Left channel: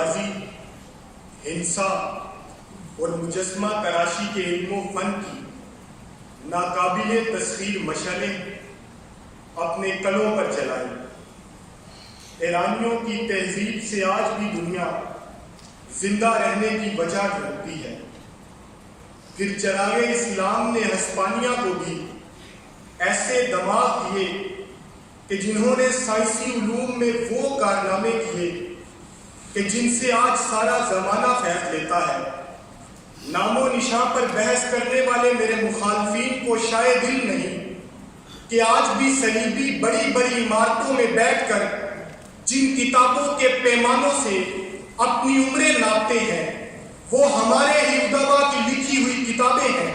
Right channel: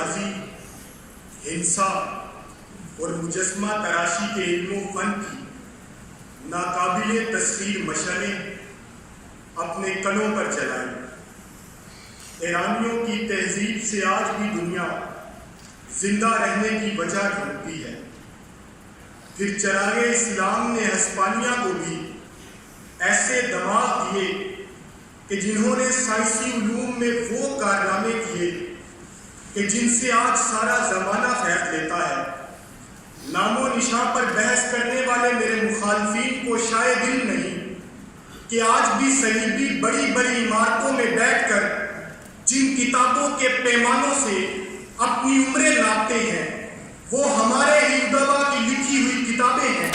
ریاضی، ہنسا اور مجسمہ تراشی کے علم و فن کی ناقابل تسخیر مشعلیں اپنے کلوں پر چلائی۔ ایرانیوں کی تہذیب سے آج بھی دنیا زندہ رہنے کی وجہ ڈھونڈتی ہے۔ پھر چراغ اسلام نے ہسپانیہ کو بھی ایسے دماغ دیے کہ جنہوں نے سائنسی علوم میں وہ کارنامے کیے کہ جن سے آج سارا زمانہ فیض لیتا ہے۔ نام و نشاں پر بحث کرنے والے میرے مخالفین کو شاید علم نہیں کہ آج بھی صلیبی بڑی بڑی عمارتوں میں بیٹھ کر جن کتابوں کے پیمانوں سے اپنی عمریں ناپتے ہیں وہ ہمارے ہی ادبا کی لکھی ہوئی کتابیں ہیں۔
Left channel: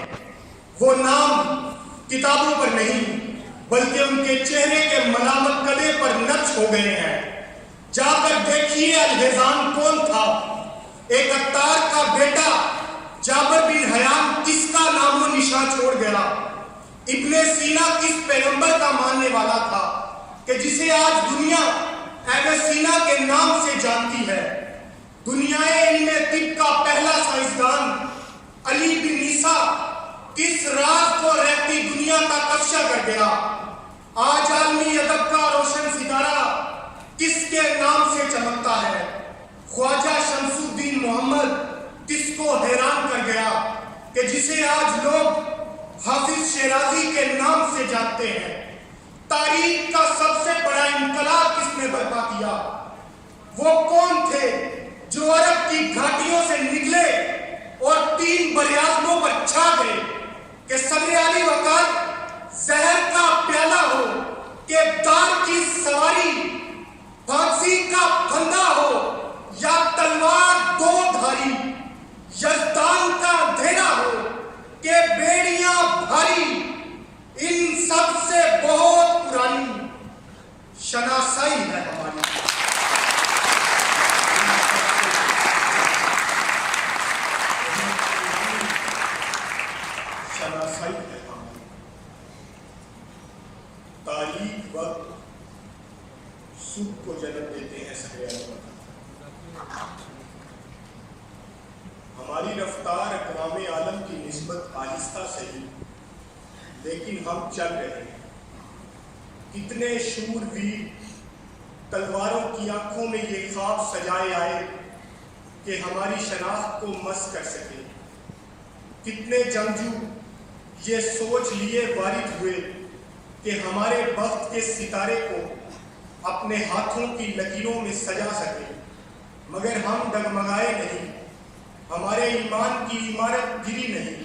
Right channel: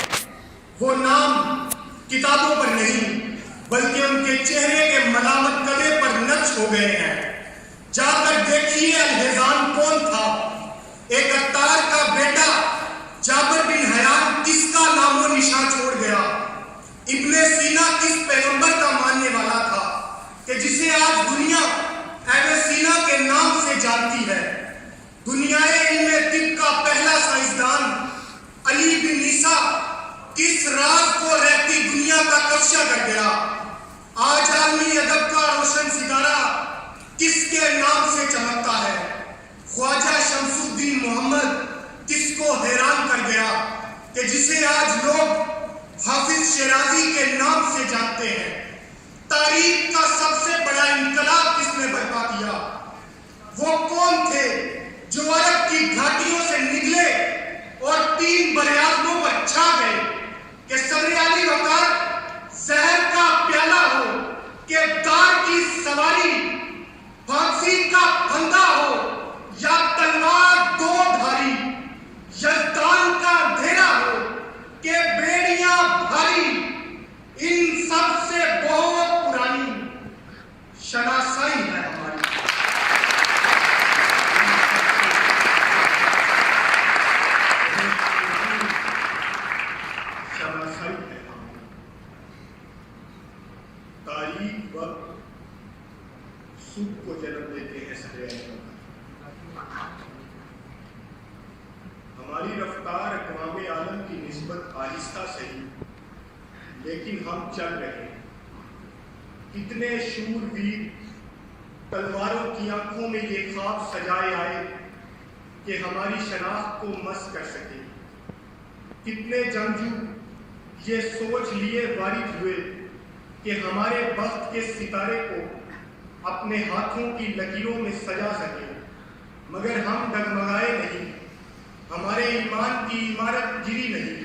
وہ نام کتابوں پر نہیں بلکہ ان کے چہرے کے ملامت گلے پر نقش ہو گئے ہیں۔ جا کر دیکھیے الحزان کون تھا، ایک عطار کا بیٹا جابر بن حیان کس کا نام و نشان چھوڑ گیا، ابن سینا کس پیغمبر کا ماننے والا تھا کہ جسے آج دنیا ابن سینا کے نام سے جانتی ہے۔ دنیا علم طب کا پہلا سائنسدان علی بن عیسیٰ کس راز کو رہتی دنیا تک افشا کر گیا۔ آج عالمی ادب کا روشن ستارہ کس کے نام سے چمکتا ہے۔ خواجہ شمس الدین محمد کس کو حیران کر گیا کہ جسے آج لوگ حافظ شیرازی کے نام سے جانتے ہیں۔ تاریخ کا سب سے بڑا انقلاب کس نے برپا کیا؟ وہ کون تھے جو عرب کی گھاٹیوں سے نکلے اور 3 براعظموں پر چھا گئے کہ صدر علی وقار زہر کا پیالہ ہو کہ دار کی سواری، پھانسی کا پھندا ہو یا تلوار دو دھاری، یزدان کا اندھیرا ہو کہ بیڑیاں بھاری، ان سب سے بہت پرانی شناسائی ہے ہماری۔ شناسائی ہے ہماری۔ تاریخ وقت سکھ کو جنم دیتے ہیں سارے عالم۔ ہماری رفتار اقوام عالم کی نسبت آہستہ صحیح لیکن ہم چل رہے ہیں۔ کتنے شور ویر تلواروں کی آنکھوں میں یہ خواب سجائے آئے کہ ہماری شناخت کو مس کر سکے۔ کتنے جنگجو یہ سوچ لیے وارد ہوئے کہ ہمارے بخت کے ستارے کو اپنے ہاتھوں کی لکیروں میں سجا سکے، مگر ہم ڈگمگائے نہیں، ہمارے ایمان کی عمارت گری نہیں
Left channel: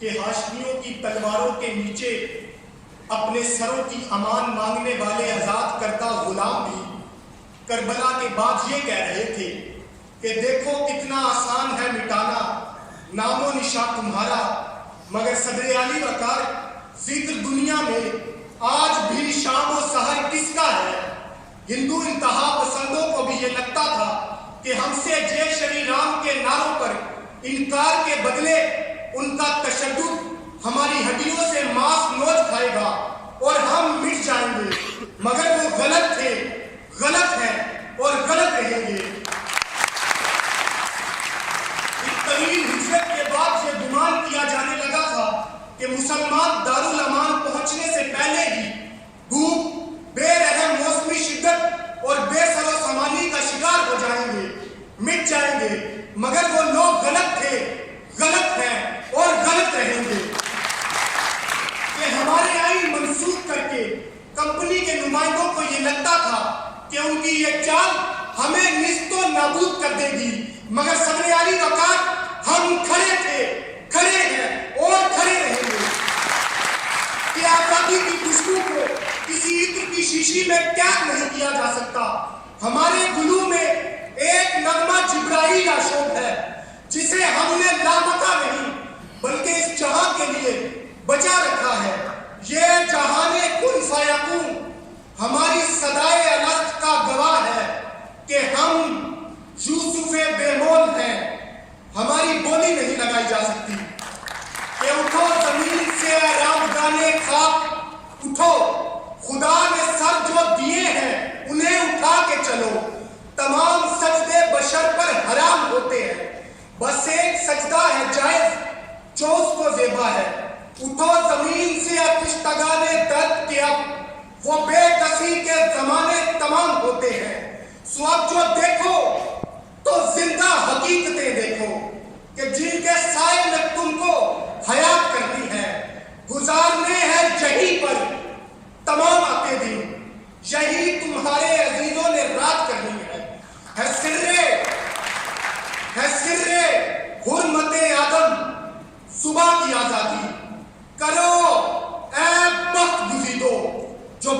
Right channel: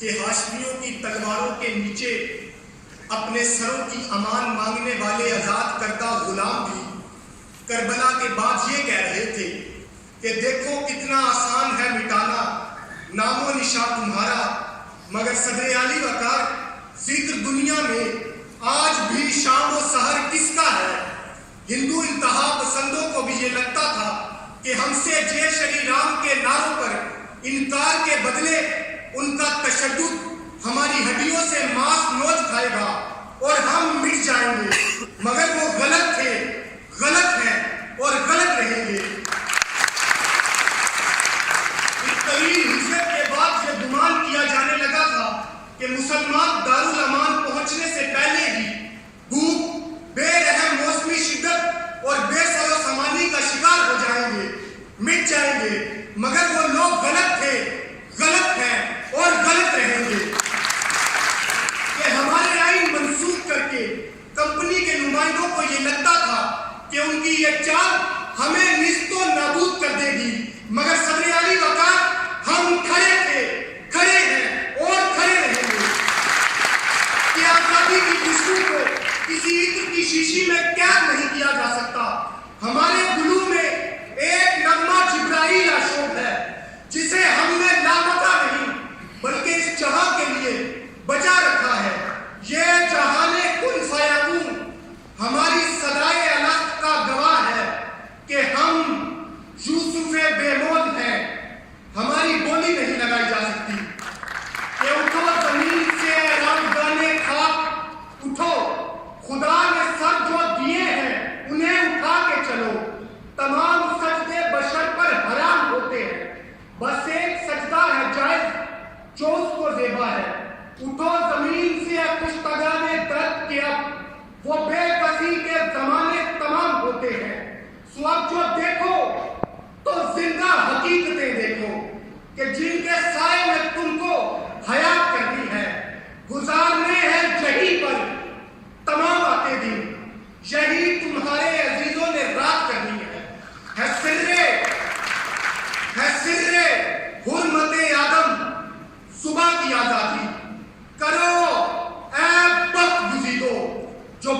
کہ ہاشمیوں کی تلواروں کے نیچے اپنے سروں کی امان مانگنے والے آزاد کردہ غلام بھی کربلا کے بعد یہ کہہ رہے تھے کہ دیکھو کتنا آسان ہے مٹانا نام و نشان تمہارا، مگر صدر علی وقار ذکر دنیا میں آج بھی شام و سحر کس کا ہے؟ ہندو انتہا پسندوں کو بھی یہ لگتا تھا کہ ہم سے جے شری رام کے نعروں پر انکار کے بدلے ان کا تشدد ہماری ہڈیوں سے ماس نوچ کھائے گا اور ہم مٹ جائیں گے، مگر وہ غلط تھے، غلط ہیں اور غلط رہیں گے۔ اس طویل ہجرت کے بعد یہ گمان کیا جانے لگا تھا کہ مسلمان دارالامان پہنچنے سے پہلے ہی بھوک، بے رحم موسمی شدت اور بے سر و سامانی کا شکار ہو جائیں گے، مٹ جائیں گے، مگر وہ لوگ غلط تھے، غلط ہیں اور غلط رہیں گے۔ کہ ہمارے آئین منسوخ کر کے کمپنی کے نمائندوں کو یہ لگتا تھا کہ ان کی یہ چال ہمیں نیست و نابود کر دے گی، مگر صدر علی وقار ہم کھڑے تھے، کھڑے ہیں اور کھڑے رہیں گے۔ کہ آزادی کی خوشبو کو کسی عطر کی شیشی میں قید نہیں کیا جا سکتا۔ ہمارے گلو میں ایک نغمہ جبرائیل آشوب ہے جسے ہم نے لامکا نہیں بلکہ اس جہاں کے لیے بچا رکھا ہے۔ یہ جہان کن فیکون ہماری صدائے الست کا گواہ ہے کہ ہم یوسف بے مول ہیں، ہماری بولی نہیں لگائی جا سکتی۔ کہ اٹھو زمین سے رابگانے خاک، اٹھو خدا نے سر جو دیے ہیں انہیں اٹھا کے چلو، تمام سجدے بشر پر چکا ہے. اٹھو زمین سے اتشتگان درد کے اب وہ بے کسی کے زمانے تمام ہوتے ہیں. سو اب جو دیکھو تو زندہ حقیقتیں دیکھو کہ جن کے سائے میں تم کو حیات کرنی ہے. گزارنے ہیں یہی پر تمام آتے دن, یہی تمہارے عزیزوں نے رات کرنی ہے. سر حرمت آدم صبح کی آزادی کرو اے بخت گزیدو جو